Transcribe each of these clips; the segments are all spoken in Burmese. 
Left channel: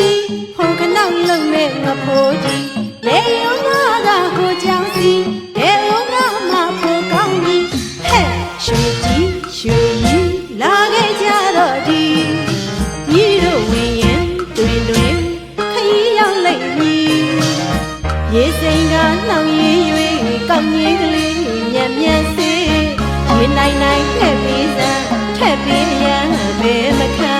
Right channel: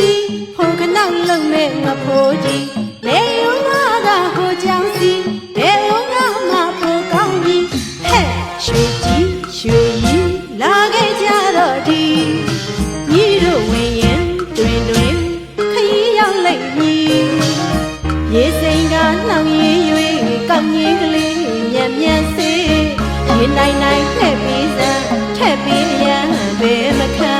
စီဖိုခနောက်လုံးမဲ့ငဖိုးကြီးလေယုံငါကဟိုကြောင်စီဘယ်ဦးငါမှဖိုကောင်းကြီးဟဲ့ရွှေကြီးရွှေကြီးလာခဲ့ကြတော့ဒီညီတို့ဝင်ရင်တွင်တွင်ခရီးရောက်လိုက်ပြီရေစိမ်ကနှောင်ရည်၍ကောက်ငင်းကလေးမြက်မြက်စေးရေနိုင်နိုင်ထက်ပြီးစမ်းထက်ပြီးရန်ဘယ်မခံ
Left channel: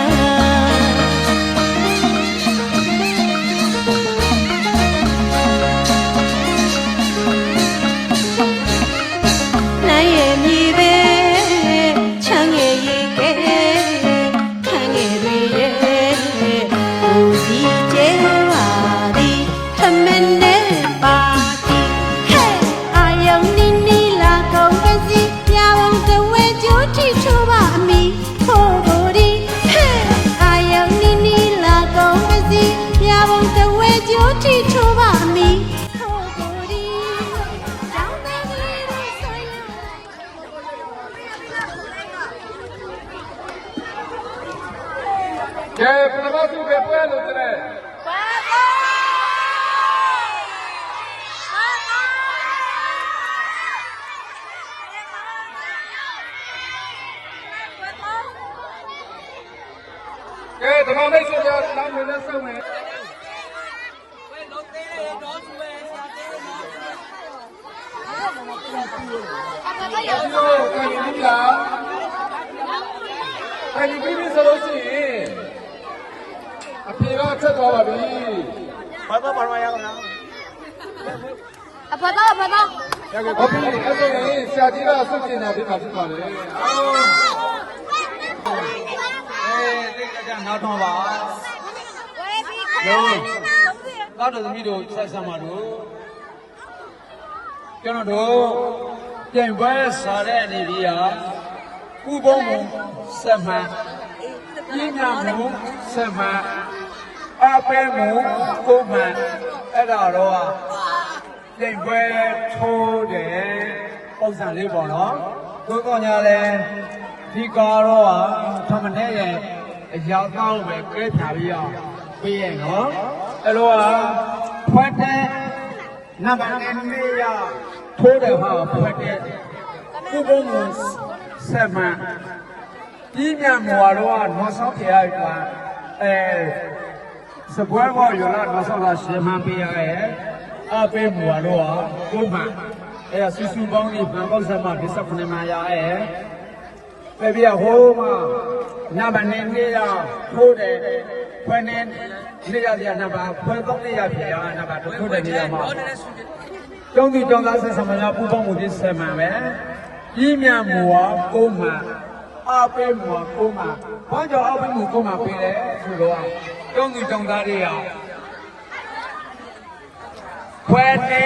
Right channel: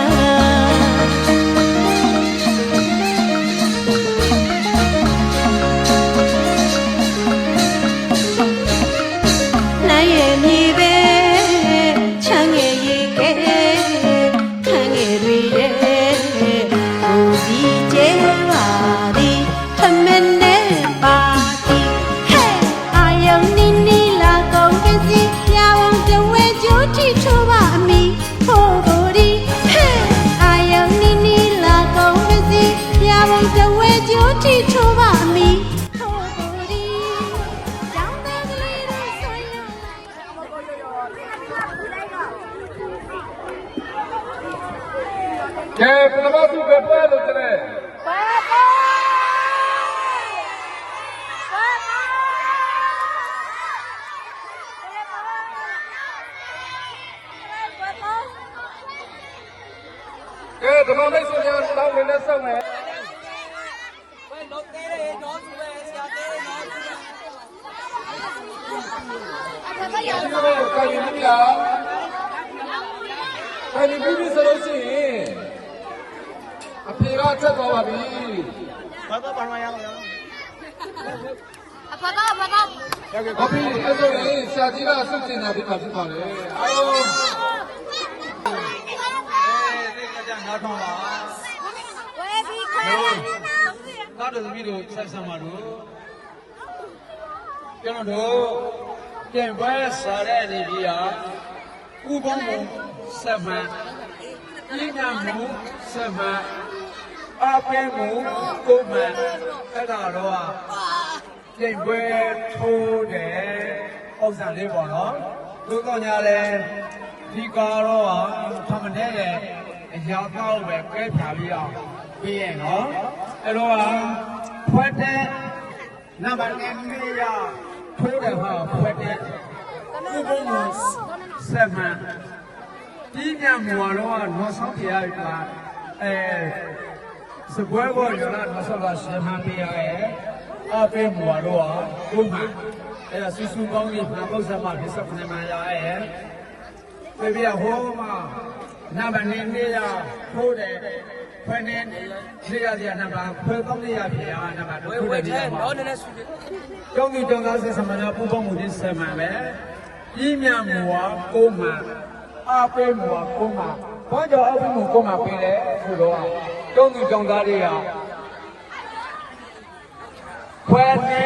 နိုင်ရဲ့မြေပဲချမ်းငယ်ရေကဲခံငယ်တွေရဲ့ကိုစီကျဲပါသည်ထမင်းနဲ့ပါတီဟဲ့အာယုန်နီနီလာကုန်ပစီပြဝုံတဝဲကျိုးထိချိုးပါအမီဖို့ကိုဒီဟဲ့အာယုန်နီနီလာကုန်ပစီပြဝုံတဝဲကျိုးထိချိုးပါအမီကဲဘယ်လိုမှသူကပွဲလို့တဲ့ပါပါကဲဒီမှာလေးစရာတောင်းနေဆောင်မယ်ဝဲတော့သေးတယ်တော့ဒီလိုကိုင်းနေလားကိုင်းနေပြီဆိုလို့ရှိရင်အဖေကဆက်သွားပါပြီဘာသာဘာသာရအောင်လားအဖတော့ဟုတ်ပြီအဲ့ဒါရင်ဆရာကြီးကဆက်ကျင်တာဒီကဖြစ်ပါလေအားလုံးဒီကကြနားတော့ပါဟုတ်တော့သမီးတို့ဆက်ဆံပါတော့ကျွန်တော်တို့ပြင်ပွဲစားတဲ့အနေနဲ့ဥပုံးဆက်မှန်ပြင်းနာမှုဆက်မှန်အပဲမှုကိုမှန်အဲ့ဒါတော့ပြင်ပွဲထိုးတယ်ဥစ္စာလေးပေါ့နော်တို့ကောင်းကြတယ်ဒီကာတော့သမနဲ့ရဲ့အရာသားကိုပဲပြည့်ဖြာပြီးအောင်ပေးရနော်အဲ့တော့ဖွက်တဲ့နံပါတ်1ရထိုးတယ်ဟာဖွက်တဲ့ဥပုံးမှုဆက်မှန်ပြင်းညမော်တော့နော်ဆောင်ပြရတာစပွဲပေါ်ရလာနော်ဆောင်တာရှင်းမှန်းပေးရတယ်အပေးမော်တော့ဘုမှအဲ့ဆူဆူပေါင်းဒီဖန်ပေါက်ဆက်မှဒီ19မှာရရဲ့ပြဟိုးမှာနံပါတ်2နေရထိုးတယ်ဖွင့်နေနေရတဲ့နံပါတ်ဖွင့်ပေါင်းနေရပြရနံပါတ်ထိုးတယ်နေရမှာကျောင်းသူကျောင်းသားဆက်ဆံမလားပူပေါင်းမှုဒီဆက်မှန်ပဲကြီးမြတ်မော်ကိုမှအပဲမော်ကိုမှဘာကြောင့်အပဲမော်ကိုမှပေးလဲဆိုတော့ကျောင်းသူကျောင်းသားတွေကဖွဲနေ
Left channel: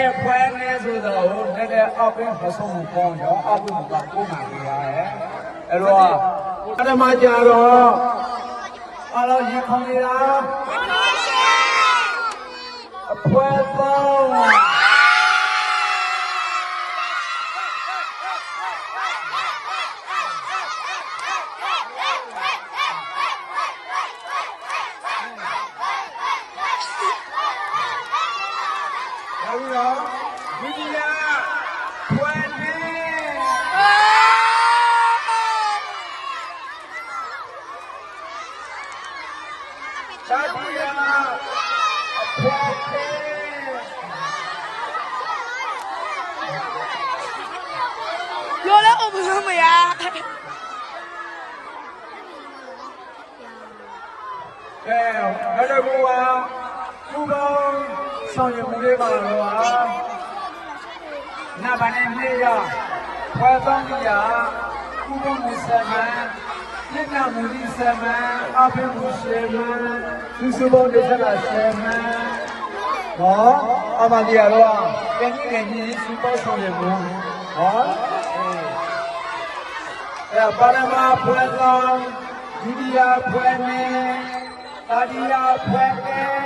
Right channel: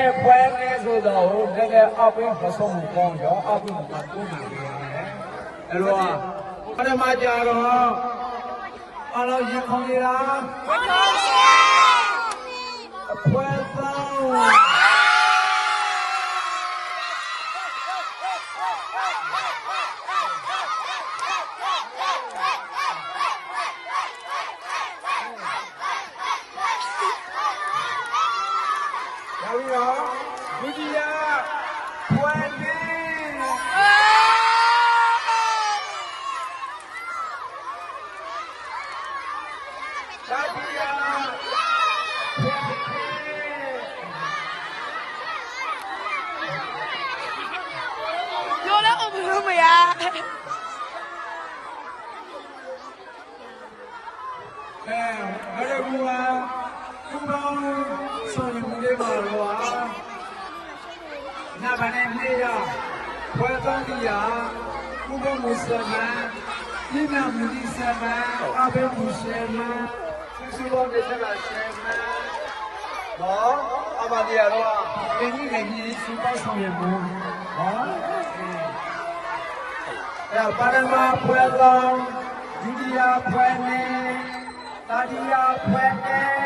ဆိုတော့တကယ်အပဲမဆုံးဘူးကောင်းတော့အပဲမော်ကိုမှပေးရတယ်အဲ့တော့အရမကြတော့အလောရေခေါင်းရအဖွဲတော့ဒီကြီးကဖွင့်နေသာဒီယာဖွင့်လိုလည်းအမမရဘယ်လိုကူပါကူပေါင်းဆောင်ရွက်မှုလေးပါလို့ပါနာဘာနဲ့နေရဖွယ်တောင်းကြကူပေါင်းမှုစမန်ညညမှုဒီစမန်အဘိဓမ္မာစမန်ဒီစဘောဒေသနာစမန်ဟောအမဒီရတော့တင်ကြီးနေကြီးစူပေါင်းဆောင်ရွက်မှုဟောအဲ့ပါရမဖွယ်တောင်းဒီဒီယာဖွယ်နေတာဒီယာဖွယ်နေ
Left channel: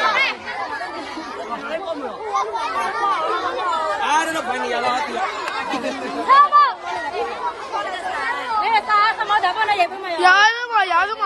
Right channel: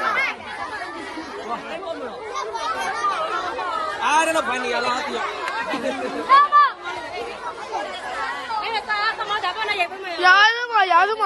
လာ လောက်ဖန်နေရလားတရား 牙子嘛，牙子嘛。